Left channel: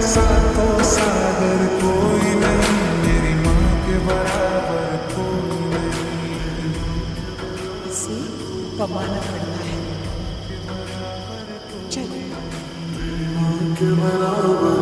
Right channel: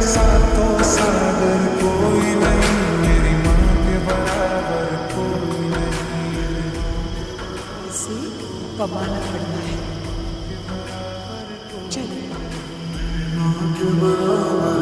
सातों सागर कोई नहीं, मेरी माँ के बराबर कोई नहीं। इसे कमाना पड़ता है। चल माँ के बराबर